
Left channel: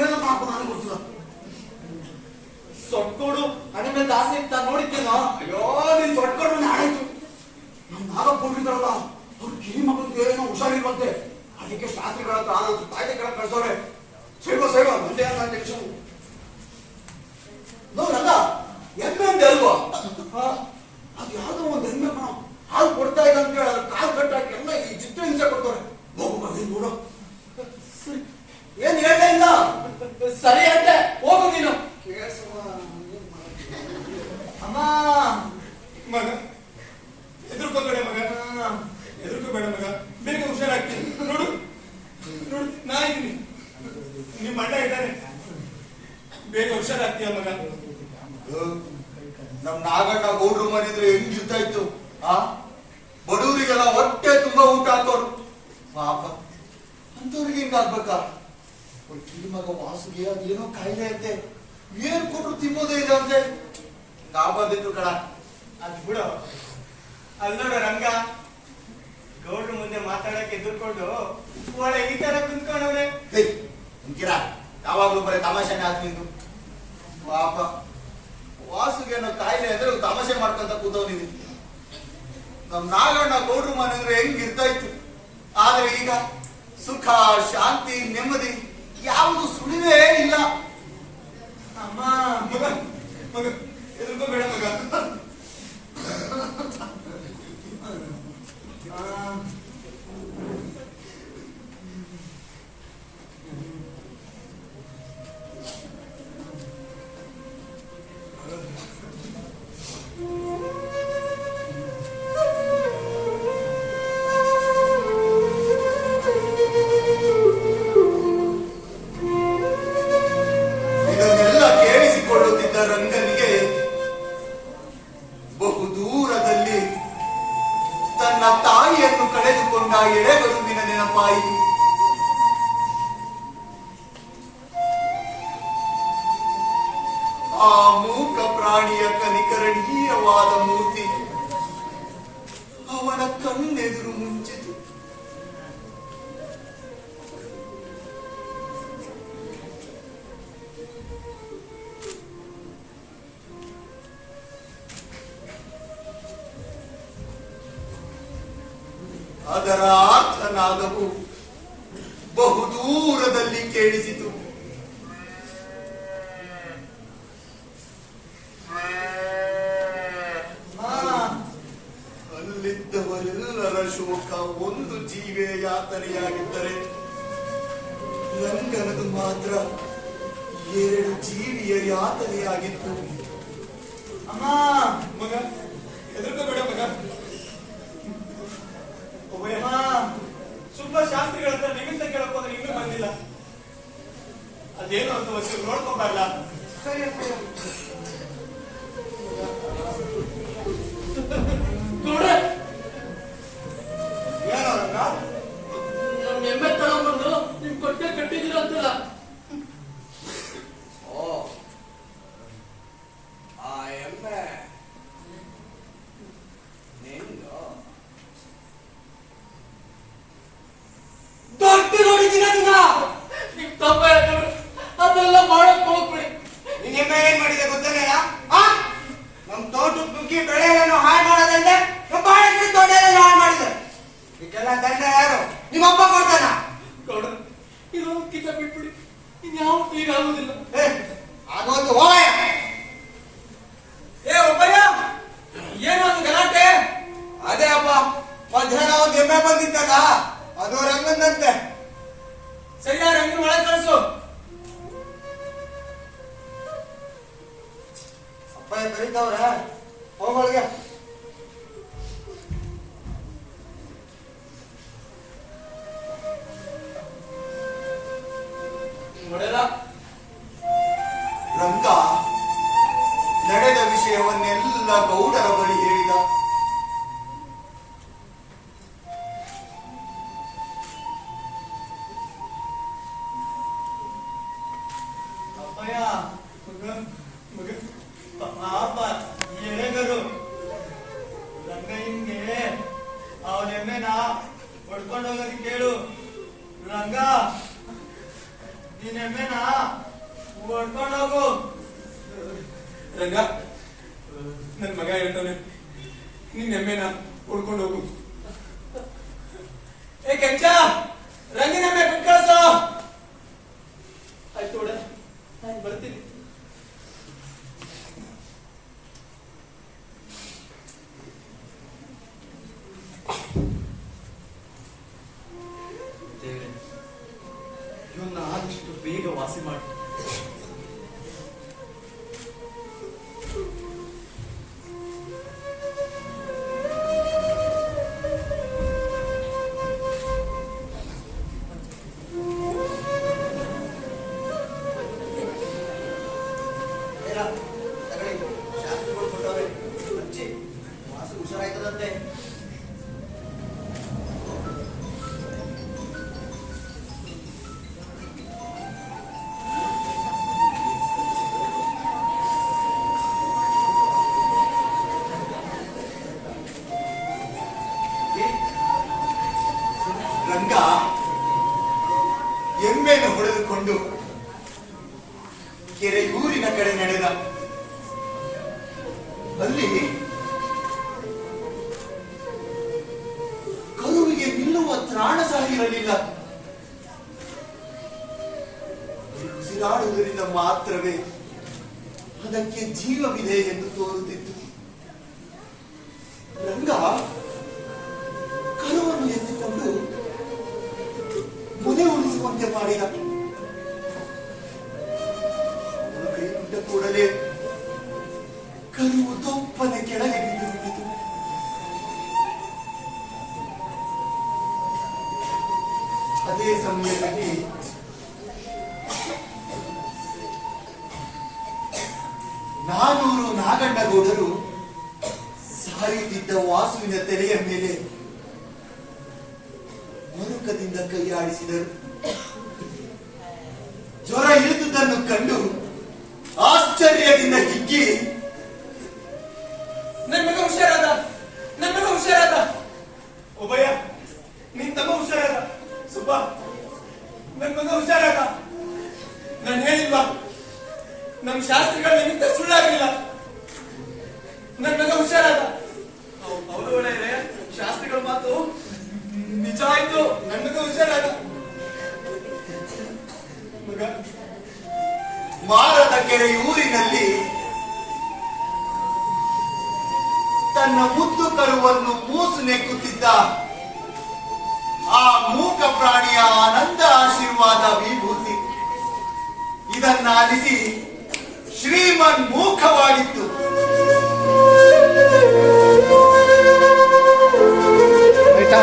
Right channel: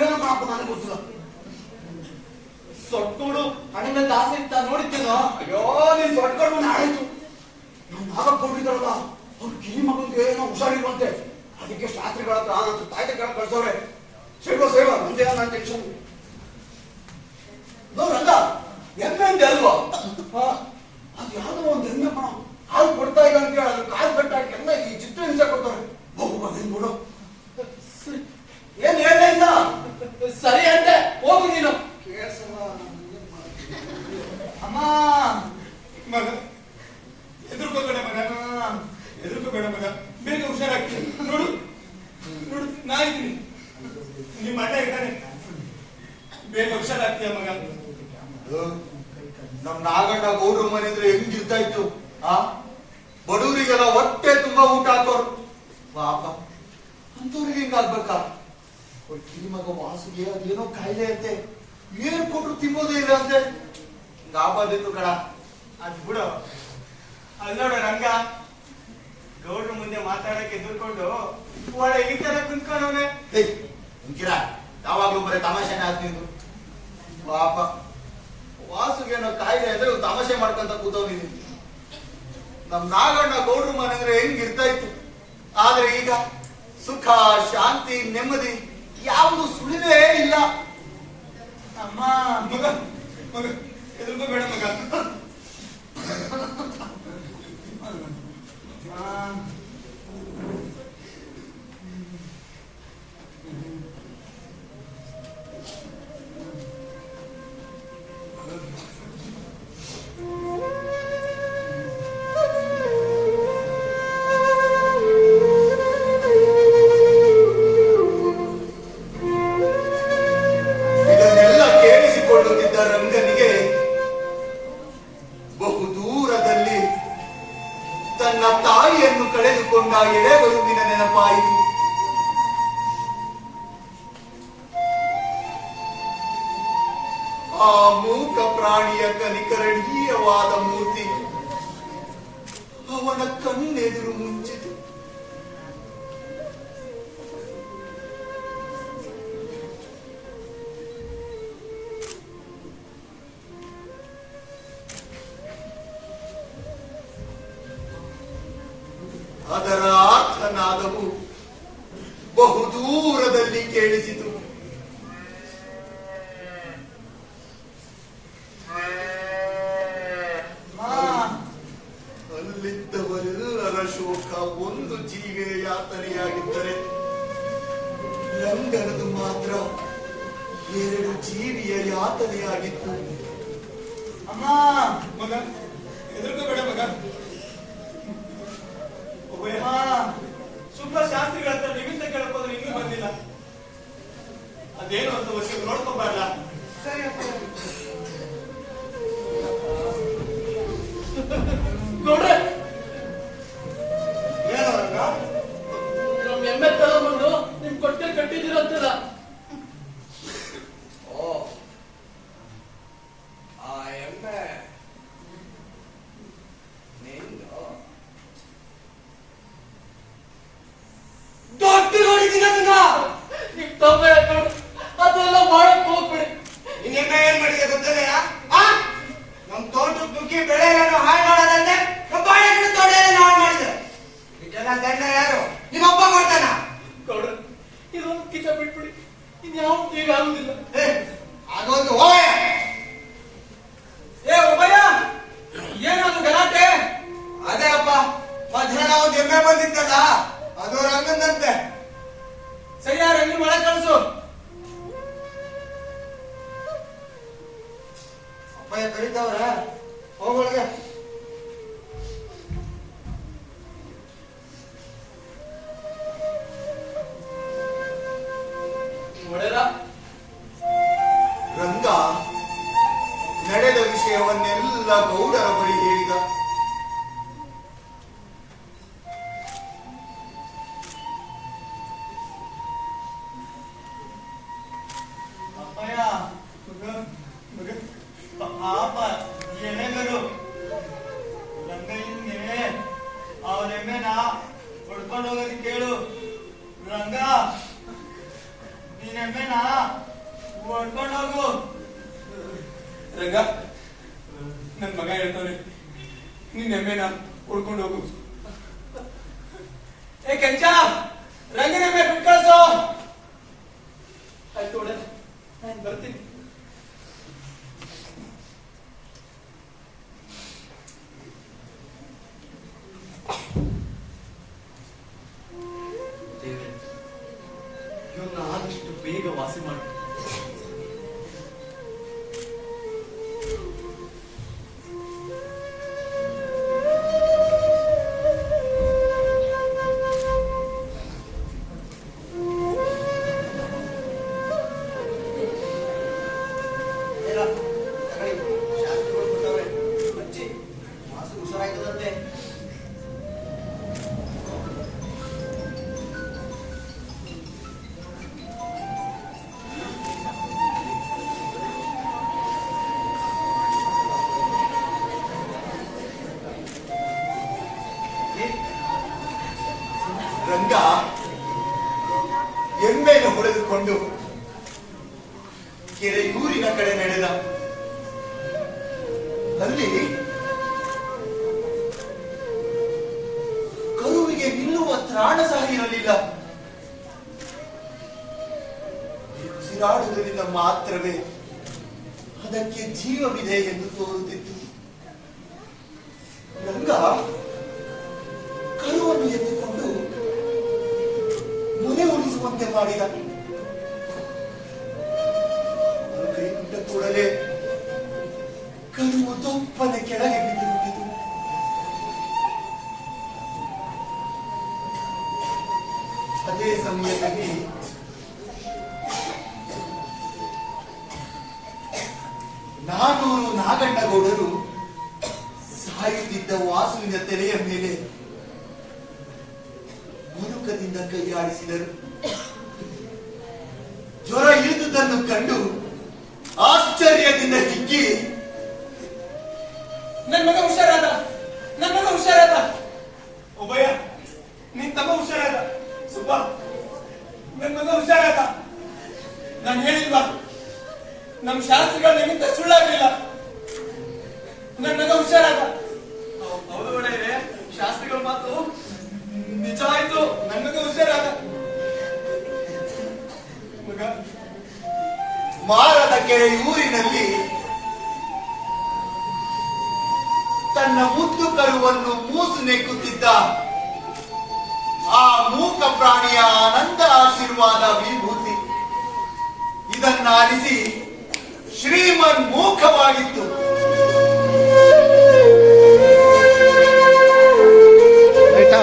ಏನು ಮಾಡಪ್ಪ ನನಗೆ ಗೊತ್ತಿಲ್ಲ. ಸೊಟ್ಟೋಡು ಹಣೆ ಮೇಲೆ ದಾಸಿ ಇತ್ತ ನೋಡಿದ್ದೇನೋ. ಅಯ್ಯೋ, ನೀನ್ ಸೊಟ್ಕೊಂಡು ಮನೆ ಆಡಾಯ್ತು. ನಮ್ ನಾಗಕೊಂಡಿದ್ರಲ್ಲ, ಅವ್ರ ಕಿರಿ ಮಗನಿಗೆ ಏನೋ ಹುಷಾರಿಲ್ವಂತೆ. ಅದಕ್ಕೆ ಶಾಸ್ತ್ರಿಗಳ ಹತ್ರ ಆನಂತರ ತಾಯ್ದೆ ಕೆಳಗೆ ಕಳ್ಸೋರೆ. ಸೇವ ನಮ್ದೇನೋ ನನ್ನ ಟೆನ್ಷನ್. ನೋಡ್ರಂಗ ಎಮ್ಮೆ ಅಂತ ಅಲ್ವಾ? ಅದು ಯಾವ್ದೋ ಒಂದು ಎಮ್ಮೆ ಕಣ, ಹಾಲು ಕೊಡ್ತಾ ಇಲ್ಲ ಅಂತ ಹೇಳಿ ಅದ್ರ ಕಾಲು ಕಟ್ಟಾಕಿ ಎಲ್ಲ ಈ ಚಿತ್ರ ಹಿಂಸೆ ಕೊಡ್ತಾರೆ. ಹೋಗು ಬಂದಿನ್ ನೋಡು. ಏನ್ ಹೇಳ್ತಾ ಇಲ್ಲ? ಸರಿ ಅಂತೆ, ಹೋಗು ನೀನು. ಅಮ್ಮ ಹೆದರ್ಕೋಬೇಡ ಮಗ, ಹೆದರ್ಕೋಬೇಡ ಮಗ, ಬೇಗ ಹುಷಾರಾಗ್ತೀನಿ. ನೋಡು ನೋಡು, ನಾ ಇದ್ದೀನಿ, ನಿಮ್ಮ ಅಣ್ಣ ಇದ್ದಾನೆ, ಬೇಗ ಹುಷಾರಾಗ್ತೀಯ ಮಗ. ನಮ್ ನಾಗಣ್ಣ ಗೌಡ್ರ ಮನೆದ್ರೆ ಹೆಂಗಿರ್ತಾ ಇತ್ತು. ಬಡವರಿಗೆಲ್ಲ ಹೊಟ್ಟೆ ತುಂಬಾ ಊಟ ಹಾಕೋರು. ಪಾಪ ಅಂತವ್ರಿಗೆ ಹಿಂಗಾಗ್ಬೇಕಾ? ಕಿರಿ ಮಗ ವಾಸುಗೆ ಅದೇನೋ ಕಾಯಿಲೆ ಅಂತೆ, ಏನ್ ಕೊಟ್ರು ತಿನ್ನೋದೇ ಇಲ್ಲ ಅಂತೆ. ಹಿಂಗಾಗ್ಬಾರ್ದಿತ್ತು ಕಣ. ಅದ್ ಬಿಡು. ಅಲ್ಲಿ ನೋಡು ರಂಗ, ಗೌಡ್ರ ಮುಂದೆ ಮಾತಾಡಕ್ಕೆ ಎದುರ್ಕೊಂಡು ಒಳ್ಳೆ ಈ ತರ ಕುಂತ್ಕೊಂಡವ್ರೆ. ಕಿರ ಯಾವಾಗ್ಲೂ ಬರೀ ತಮಾಷೆನೇ ಆಗ್ತಿದ್ದು. ಪಾಪ ವಾಸುಗೇನೋ ಕಾಯಿಲೆ ಅಂದ್ರೆ ತಮಾಷೆ ಮಾಡ್ಕೊಂತ ಕೂತವ್ನಿದ್ದೀನಿ. ನಮ್ ನಾಗಣ್ಣ ಗೌಡ್ರ ಮನೆಂದ್ರೆ ಹೆಂಗಿರ್ತಾ ಇತ್ತು. ಆದ್ರೆ ಈಗ ಸುಖ, ಶಾಂತಿ, ನೆಮ್ಮದಿ ಯಾವುದು ಸುಳಿನೇ ಇಲ್ಲ. ಅಮ್ಮ ಮಗ, ಮಗ ಹೆದರ್ಕೋಬೇಡ ಮಗ. ಇದನ್ನೆಲ್ಲ ಕೇಳಿಸಿಕೊಳ್ಳುತ್ತಿದ್ದ ರಂಗನಿಗೆ ಬಹುದೂರದಲ್ಲಿ ತನ್ನ ತಾಯಿಯನ್ನು ಕಳೆದುಕೊಂಡ ಎಳೆಬರುವಿನ ನೆನಪಾಯಿತು. ಆ ಮೂಕ ಪ್ರಾಣಿಯ ಕನಿಕರಣೀಯವಾದ ಮೂರ್ತಿ ಅವನ ಕಣ್ಣೆದುರು ಮುಂಚಿತು. ಅದರ ಆರ್ಥನಾದವು ಬಹುದೂರದಲ್ಲಿ ಕೇಳಿಸಿತು. ಅಲ್ಲಿದ್ದವರೆಲ್ಲರ ಶೋಕ ಒಂದು ಜೀವಿಯ ಯಾತನೆಯಾಗಿದ್ದರೆ ರಂಗನದು ಮಾತ್ರ 2 ಜೀವಿಯ ಯಾತನೆಯಾಗಿತ್ತು. ಅಮ್ಮ ಮಗ, ಹೆದರ್ಕೋಬೇಡ ಮಗ. ಒಬ್ಬಯ್ಯ ಸುಮ್ಮನೆ ಶಾಸ್ತ್ರಿಗಳ ಹತ್ರ ನಿಮಿತ್ತ ಕೇಳಕ್ಕೋದ್ರೆ ಇನ್ನೂ ಬಂದಿಲ್ಲ. ಅದೇನು ಅಂತ ವಸಿ ನೋಡ್ಕೋಬಾರ್ದ? ಸರಿ ನೋಡ್ರೆ ಏನೋ ರಂಗ, ನಮ್ ಎಮ್ಮೆ ತಗೊಂಡ್ಬಂದು ನಿಮ್ ಕೊಟ್ಟೆ ಕಟ್ಟಿದಿರಂತಲ್ಲ. ಓ, ಆ ಎಮ್ಮೆ ನಿಂದು ದೊಡ್ಡ ನೋಡಿದೀನಿ ಅದನ್ನ. ನಿಮ್ ತಮ್ಮ ಅದೆಲ್ಲ ಮಾಡಕ್ ಹೋಗ್ಬೇಡಿ. ನಿನ್ನ ಎಮ್ಮೆ ಏನ್ ಮಾಡಿದೆ ಗೊತ್ತೇನೆಯಾ? ನಮ್ ತೋಟಕ್ಕೆ ನುಗ್ಗಿ ಬೆಳೆ ಏನು ಹಾಳು ಮಾಡೋದಂದ್ರೆ ನಮ್ಮ ಬಾಳೆ ಗಿಡ ತೋಟ ಎಲ್ಲ ಹಾಳು ಮಾಡಿದೆ. ಇದೆಲ್ಲ ದಂಡ ಯಾರು? ನಿಮ್ಮಪ್ಪ ಕೊಡ್ತಾನ? ಗೌಡ, ಇದು ಕಿತ್ತ ಬಿಟ್ಬಿಡಿ, ಇನ್ಯಾವತ್ತೂ ಈಗ ಆಗುದಿಲ್ಲ. ಅದೊಂದು ಹೋಯ. ಏ ಒಬ್ಬಯ್ಯ, ಏನೊಂದು ಗಲಾಟೆ? ಅದೇ ಅಪ್ಪ, ಮಧ್ಯಾಹ್ನ ಒಂದು ಎಮ್ಮೆ ಬಂದಿತ್ತಲ್ಲ, ಅದು ರಂಗಂದಂತೆ. ಸರಿಯಾ, ರಂಗಿನ ಒಳಗೆ ಕಳಿಸು. ಅಪ್ಪಯ್ಯ ಕರೀತಾವ್ರೆ, ಹೋಗೋಳಿಗೆ. ಒಡೆರ ರಂಗ ನಡೆದ ವಿಷಯವನ್ನೆಲ್ಲ ಗೌಡರ ಬಳಿ ಹೇಳಿದ. ಅಪ್ಪಯ್ಯ, ಮಗ ಪಾಪ ಎಳೆಗರು ರಂಗಯ್ಯನ್ಗೆ ಅವನೆಮ್ಮೆನ ಹೊಡ್ಕೊಂಡು ಹೋಗೋದಕ್ಕೆ ಕೇಳು. ರಂಗ, ನೀನೆಮ್ಮೆನ ಹೊಡ್ಕೊಂಡು ಹೋಗು. ರಂಗ, ನನ್ ಮಗ ಹೇಳ್ತಾನೆ, ನಿನ್ ಎಮ್ಮೆನ ಹುಡ್ಕೊಂಡು ಹೋಗು. ಏ ಕೆಂಚ, ರಂಗನ ಎಮ್ಮೆ ಬಿಟ್ಟು ಕಳ್ಸೋ. ಆಯ್ತು ಒಡೆ, ನಾನು ಬರ್ತೀನಿ. ದೇವ್ರೆ, ಇವನ್ನ ಆದಷ್ಟು ಬೇಗ ವಾಸಿ ಮಾಡಿ. ರಂಗ ಎಮ್ಮೆಯನ್ನು ಹೊಡೆದುಕೊಂಡು ಕೆರೆಯೂರಿನ ಕಡೆ ನಡೆದ. ಅಲ್ಲಿ ಕರುವಿಗೆ ನಿಲ್ಲುವ ತ್ರಾಣ ಸಹ ಇರಲಿಲ್ಲ. ಉಸಿರಾಡುವುದರಿಂದ ಮಾತ್ರವೇ ಅದಕ್ಕೆ ಜೀವವಿದೆ ಎಂದು ತೋರುತ್ತಿತ್ತು. ರಂಗ ಕರುವನ್ನು ಎತ್ತಿಕೊಂಡು ಮುನೆ ಉಳಿಸುವಂತೆ ಮಾಡಿದ. ಅವನು ಕೈ ಬಿಟ್ಟ ಕೂಡಲೇ ಕರುವು ತೊಪ್ಪನೆ ಕೆಳಗೆ ಬಿದ್ದು ಬಿಟ್ಟಿತು. ಅದೇ ಸಮಯದಲ್ಲಿ ನಾನೂರು ನಾಗಣ್ಣಗೌಡರು ಸಾಯುತ್ತಿದ್ದ ವಾಸುವಿನ ತಲೆಯ ಮೇಲೆ ಮರುಕದಿಂದ ಕೈಯಾಡಿಸಿದರು. ಜ್ವರ ಇಳಿದುದನ್ನು ಕಂಡು ಆಶ್ಚರ್ಯದಿಂದ ಹಿಗ್ಗಿ, ನನ್ ಮಗ ಹುಷಾರಾದ, ನನ್ ಮಗ ಹುಷಾರಾದ. ಒಬ್ಬಯ್ಯ, ನಿನ್ ತಮ್ಮ ಹುಷಾರಾದ. ಸುಬ್ಬ, ನನ್ ಮಗ ಹುಷಾರಾದ. ನಾನು ಹೇಳಿಲ್ವಾ, ನಮ್ ಶಾಸ್ತ್ರಿಗಳ ನಿಮಿತ್ತ ಸುಳ್ಳಾಗಲಿಲ್ಲ. ನನ್ ಮಗ ಹುಷಾರಾದ. ಹೌದು ಒಳ್ಳೆಯದೇ, ಶಾಸ್ತ್ರಿಗಳ ಮಾತು ನಿಜ ಆಯ್ತು. ನನ್ ಮಗ ಹುಷಾರಾದ. ಮಗ ಮಾರದ ಕೆರೆಯೂರಿನಲ್ಲಿ ತನ್ನ ಮುದ್ದು ಕರುವನ್ನು ಮೂಸು ನೆಕ್ಕುತ್ತಿದ್ದ ಆ ಮೂಕ ಪ್ರಾಣಿಯ ಆನಂದ ಆಶೀರ್ವಾದ ವಿಭೂತಿ ಇದನ್ನಾಲಿಸಿ ಶ್ರೀಮನ್ ಮೂಕವಾಗಿತ್ತು. ಆಯ್ತಾ?